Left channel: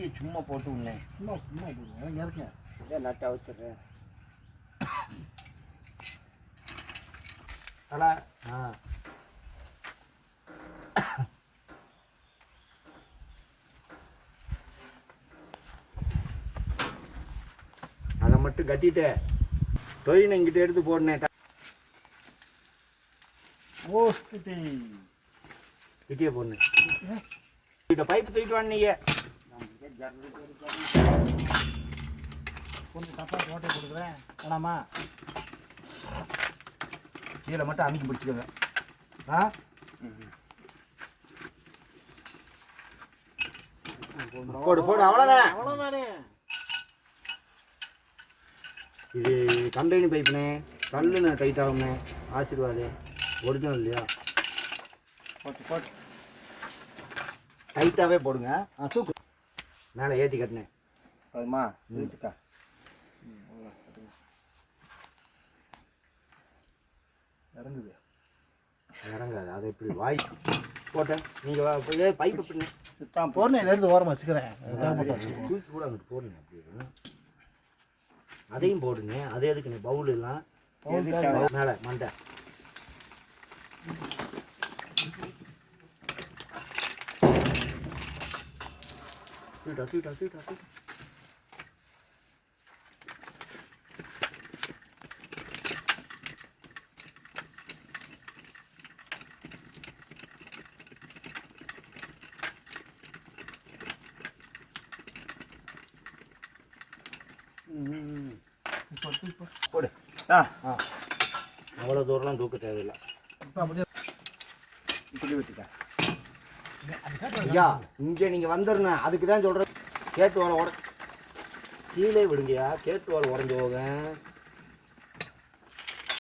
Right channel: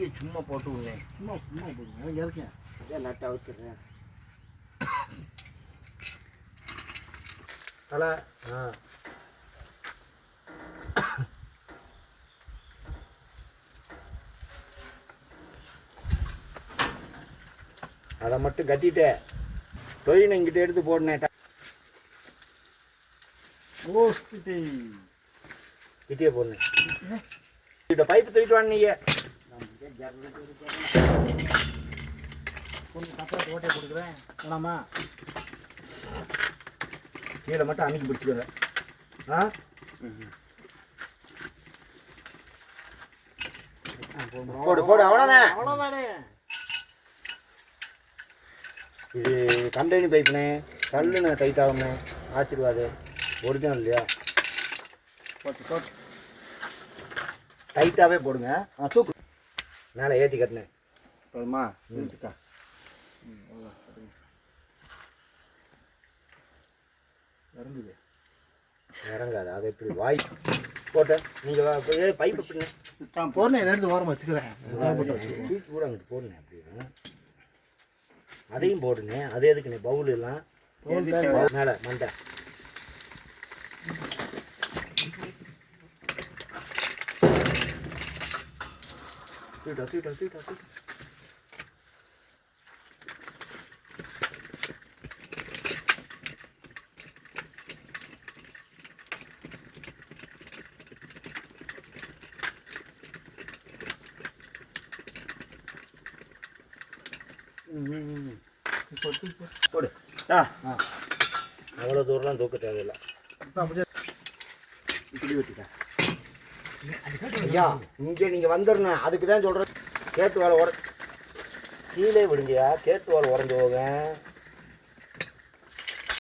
கத்தியை சும்மா போட்டு விடனேன். சும்மா சும்மா போடுங்க. இங்கே இருக்கேன். இதான் நட்டை அவுத்துறேன். தலை அதை மட்டும் கட்டிட்டு தொழில் இங்கிட்ட எடுத்து போடனேன். கிட்டே போடனேன். இந்த பைப்பு தூக்கிட்டு வாங்க. பொண்ணு தப்பாக ஓட்டை கொடுக்குறேன் வேணாமா? கீழே மட்டும் அன்னைக்கு பிடிச்சிக்கோங்க. ஆ போடு போடு, அவ்வளோதான் அவ்வளோதானே. இது கம்பெனி பைப்புனே, கல்லுன்னு டைட் ஆகுமே. ஆசீர்வாது ஒரிஜினல் இல்லையா? போட்டு போட்டு டைட்டாகவே போடுங்க. தூக்கு மேலே ஏற்றி கட்டினேன். போதுமா? நிறுத்துக்கா. இறங்குது. இறங்காது. அது எப்படி வாய் போட்டேன். நீங்கள் பைப்பு பிடிங்க. நான் போடுறேன். எடுத்து ஓரமாக வச்சுக்கிறேன். தூக்கி கூட அங்கிட்டு போடுங்க. அப்படி அதையும் போடுங்க. அது எதுக்குண்ணே பவுல் எல்லாம் மேலே மண்டை தூட்டா தூட்டா தூட்டா தூட்டா. போடு. அவ்வளோ தூரம்லாம் தூக்க தேவையில்லை. இப்படி வச்சுட்டேன். ஐயா இங்கே நீங்கள் வந்துடணும். அதுக்கு தான் சொல்கிறேன். கேட்டு வாழை கீழே விடுங்கயா. கேட்டு வாழை உடஞ்சி போக